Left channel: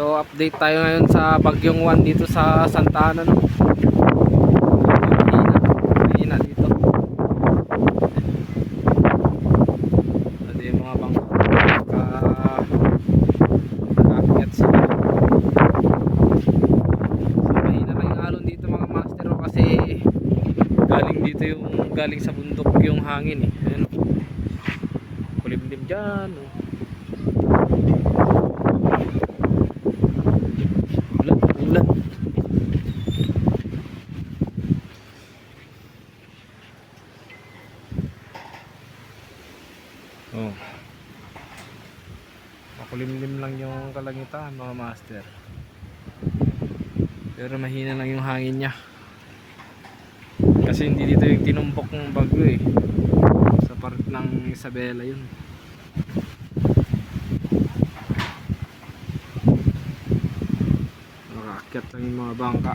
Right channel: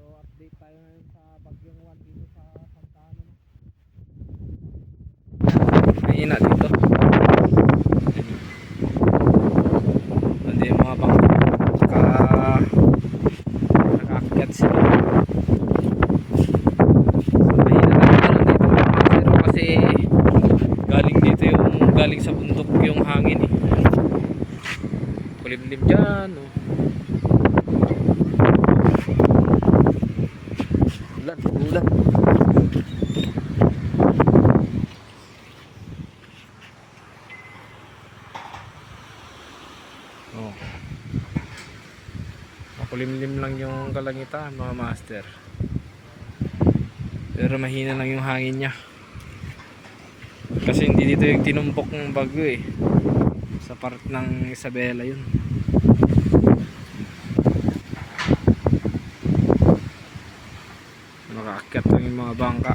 So update tayo ngayon sa Bagyong 1 dito sa Santa Ana, no? Mahina dito. Hindi yung mga bangka nakaakyat sila. So mahina lang yung alon dito mga masero kasi galing dito yung galing sa bundok yung hangin eh. Kulimlim dyan, oh. Ulan. Oh. Makulimlim lang yung kalangitan mga master. Pero mahina lang yung hangin niya. Kasi hindi dito yung tinumpok ng bagyo eh. Sa part ng Isabela yun. Nakaakyat lang yung mga bangka.